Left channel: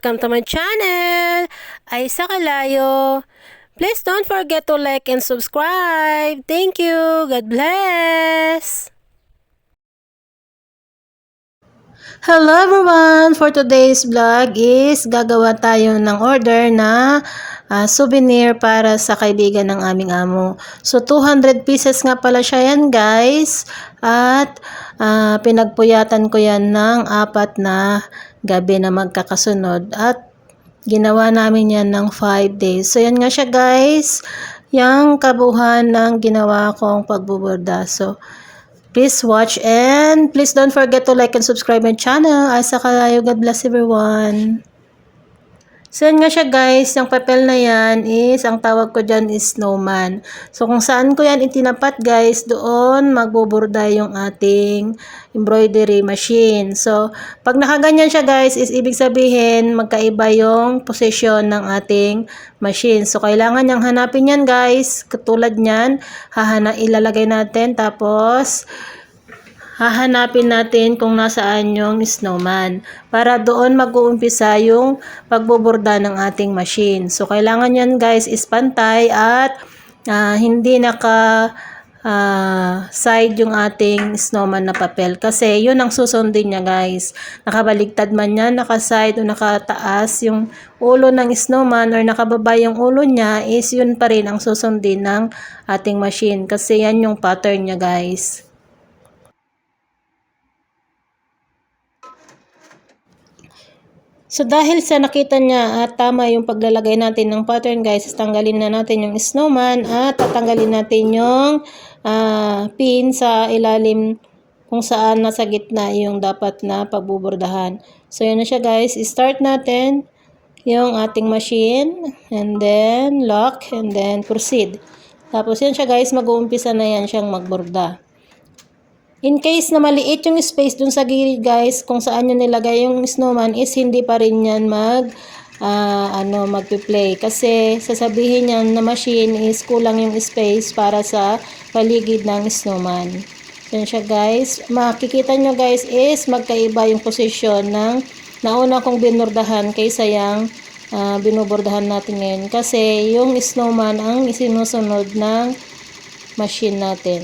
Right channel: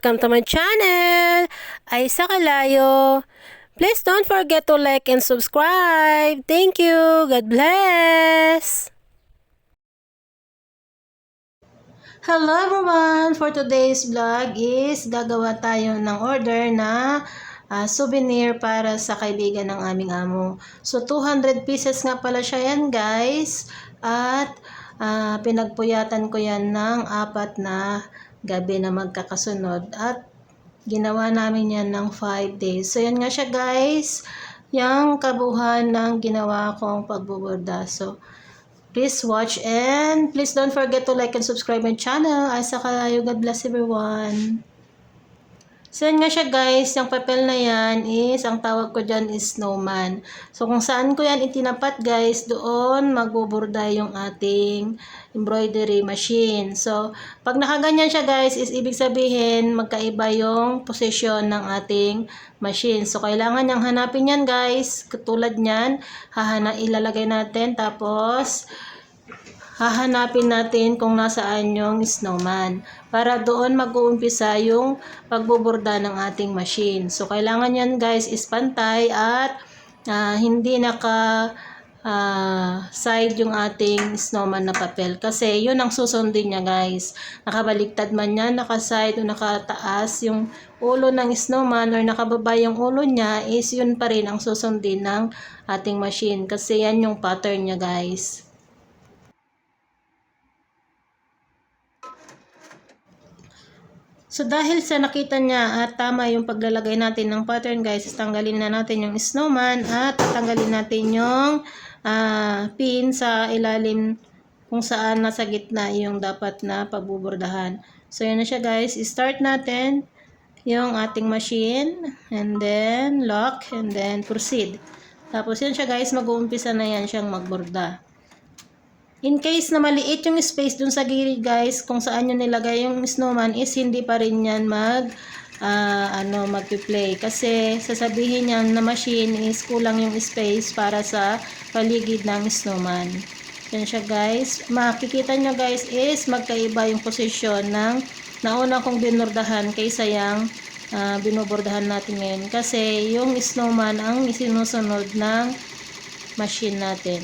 Welcome to my channel! Aisa Kalayo. Please don't forget to like and subscribe. Thank you. God bless. Hello everyone! For today's vlog is gagawa tayo ng order na souvenir para sa kaibigan ng aming amo. So 200 pieces nga pala siya yan guys. At pinagpuyatan ko yan ng 4 na gabi na magkakasunod. At ginawa namin yan ng 5 days. So yan nga siya guys. Yung kabuuan ng ginawa kong pagbuborda. So please watch and please don't forget to like and subscribe my channel. Aisa Kalayo. God bless everyone. So yun nga siya guys, yung papel na yan is, ang tawag ko dyan is snowman. So kung saan ko yan itinapat guys, doon magbuburda yung ating embroidery machine. So pag nakaganyan siya guys, is ibig sabihin magkaiba yung position ng ating machine. So kailangan niyang hanapin yan guys, katulad nyan, ilalagay natin tapos hahanapin natin kung nasaan yung snowman para doon mag-uumpisa yung pagboborda ng ating machine. So, kailangan yan guys is pantay at hindi side yung ating snowman na papel kasi yun ang susundin niya guys. Nakabaligtad man yan, naka-side o nakataas yung ulo ng snowman or nakababa yung ulo niya is yun pa rin ang susundin ng ating machine kasi yan yung pattern niya guys. So dahil sa nakita niya at tama yung paglalagay natin ng pattern guys, tanggalin na natin yung snowman at tatanggalin natin yung pin sa ilalim kung saan nasa gitna yung dapat na pagbubordahan. So yun na siya guys, start natin yung ating machine and then lock and then proceed. Tapos yan siya guys, mag-uumpisa na yan siyang magborda. In case na maliit yung space dun sa gilid guys, kung saan nyo nilagay yung snowman is hindi pa rin yan mag-play. Kasi sasabihin niya na machine is kulang yung space para sa paligid ng snowman. Yan siya guys. Makikita nyo guys is magkaiba yung posisyon ng nauna kong binordahan kaysa yung binubordahan natin ngayon. Kasi yung snowman ang isinusunod ng machine natin.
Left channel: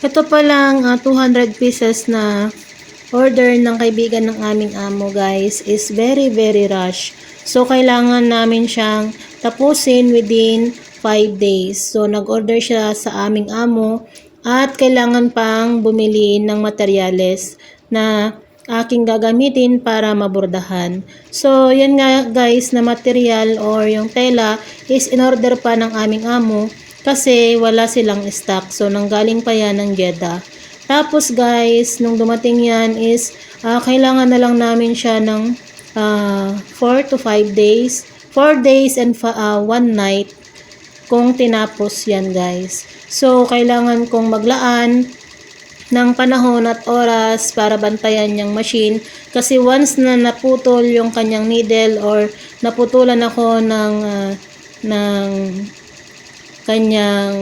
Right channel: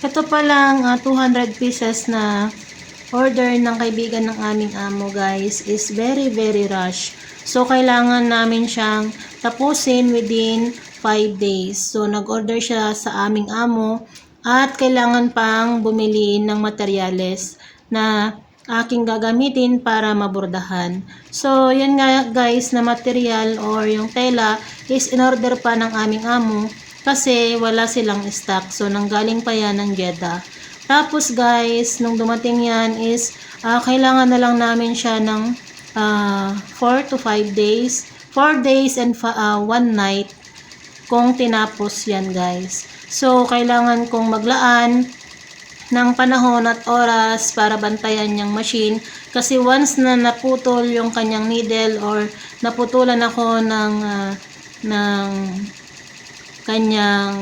Ito pa lang 200 pieces na order ng kaibigan ng aming amo guys is very rush. So kailangan namin siyang tapusin within 5 days. So nag-order siya sa aming amo at kailangan pang bumili ng materyales na aking gagamitin para mabordahan. So yan nga guys na material or yung tela is in order pa ng aming amo kasi wala silang stock. So nanggaling pa yan ng Jeddah. Tapos guys, nung dumating yan is kailangan na lang namin siya ng 4 to 5 days. 4 days and 1 night kung tinapos yan guys. So kailangan kong maglaan ng panahon at oras para bantayan yung machine kasi once na naputol yung kanyang needle or naputulan ako ng kanyang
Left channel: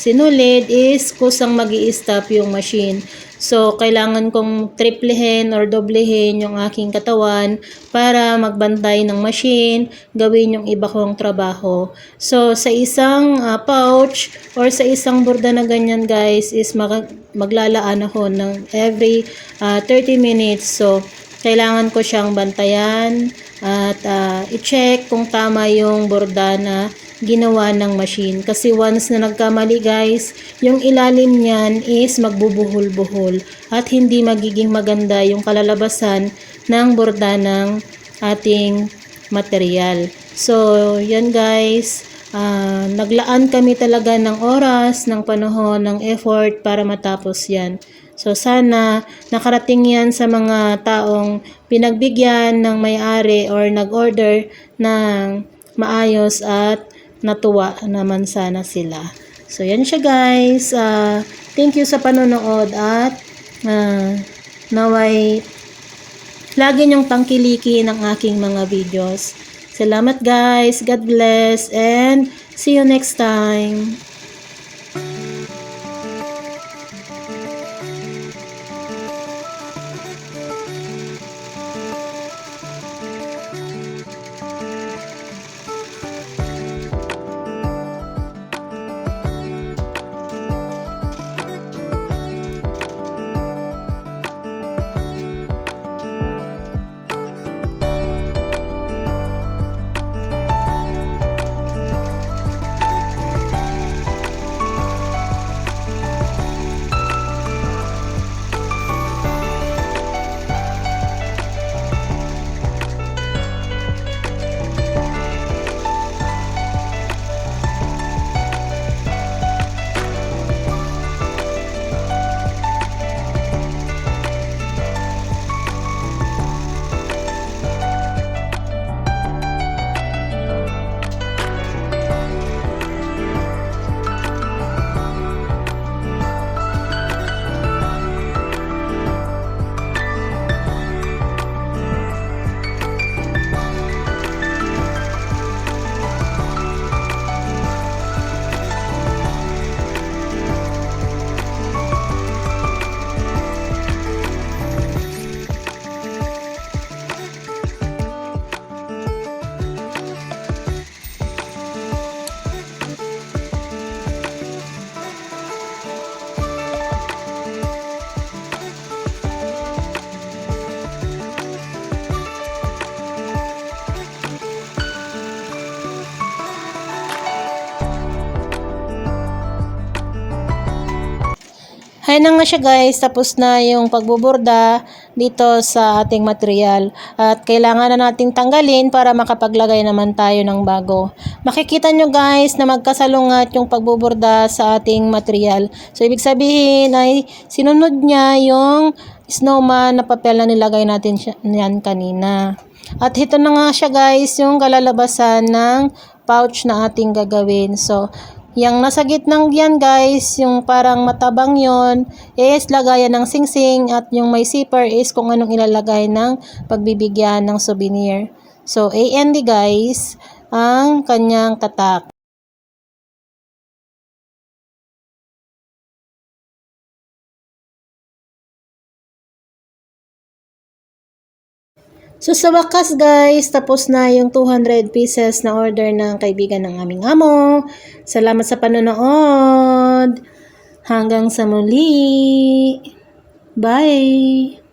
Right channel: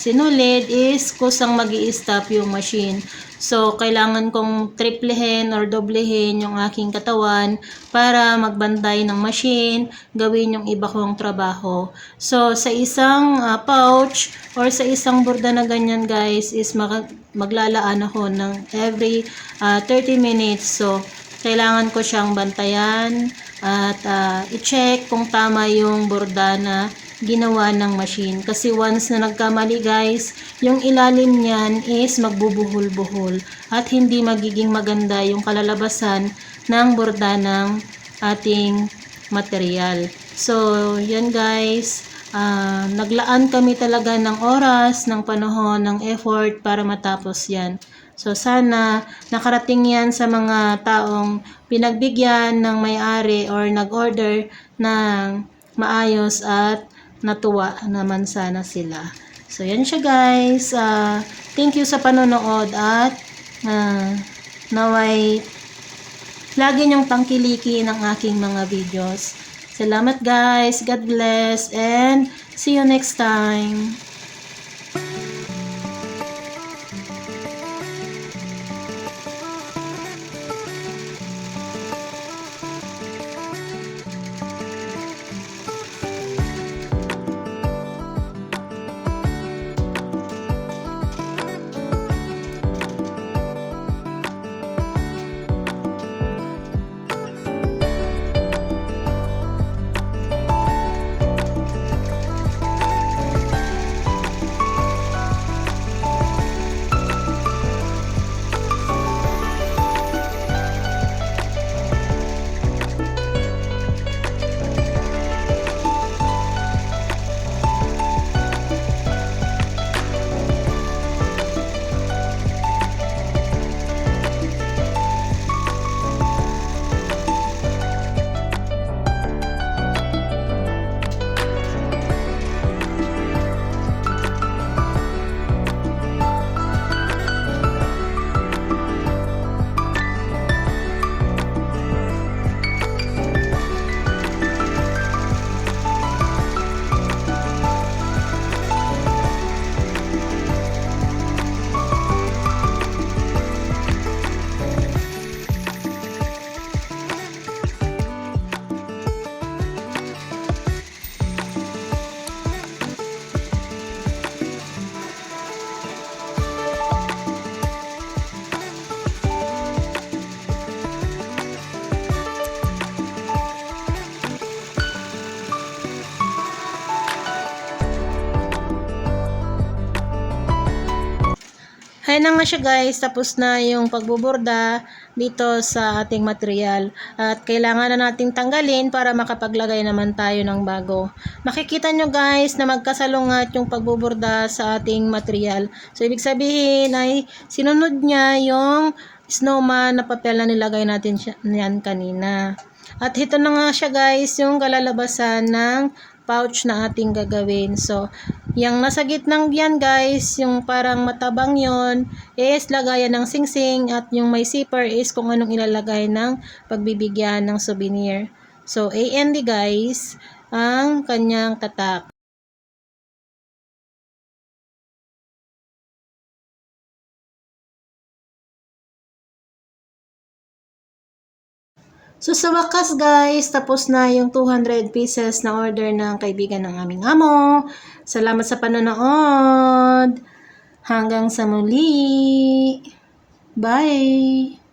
sinulid is kusang magi-stop yung machine. So, kailangan kong triplehin or doblehin yung aking katawan para magbantay ng machine, gawin yung iba kong trabaho. So, sa isang pouch or sa isang borda na ganyan guys is maglalaan ako ng every 30 minutes. So, kailangan ko siyang bantayan at i-check kung tama yung borda na ginawa ng machine. Kasi once na nagkamali guys, yung ilalim niyan is magbubuhol-buhol at hindi magiging maganda yung kalalabasan ng borda ng ating material. So, yan guys. Naglaan kami talaga ng oras, ng panahon, ng effort para matapos yan. So, sana nakarating yan sa mga taong pinagbigyan ng may-ari or nag-order ng maayos at natuwa naman sana sila. So, yan siya guys. Thank you sa panonood at naway lagi niyong tangkiliki ng aking mga videos. Salamat guys. God bless and see you next time. Hay na nga siya guys, tapos na yung pagbuborda dito sa ating material at kailangan na nating tanggalin para makapaglagay naman tayo ng bago. Makikita nyo guys na magkasalungat yung pagbuborda sa ating material. So ibig sabihin ay sinunod niya yung snowman na papel na nilagay natin yan kanina. At ito na nga siya guys yung kalalabasan ng pouch na ating gagawin. So, yung nasa gitnang yan guys, yung parang matabang yon is lagayan ng singsing at yung may zipper is kung anong ilalagay ng pagbibigyan ng souvenir. So, A&D guys, ang kanyang tatak. So sa wakas guys, tapos na yung 200 pieces na order ng kaibigan ng aming amo. Salamat sa panonood. Hanggang sa muli. Bye!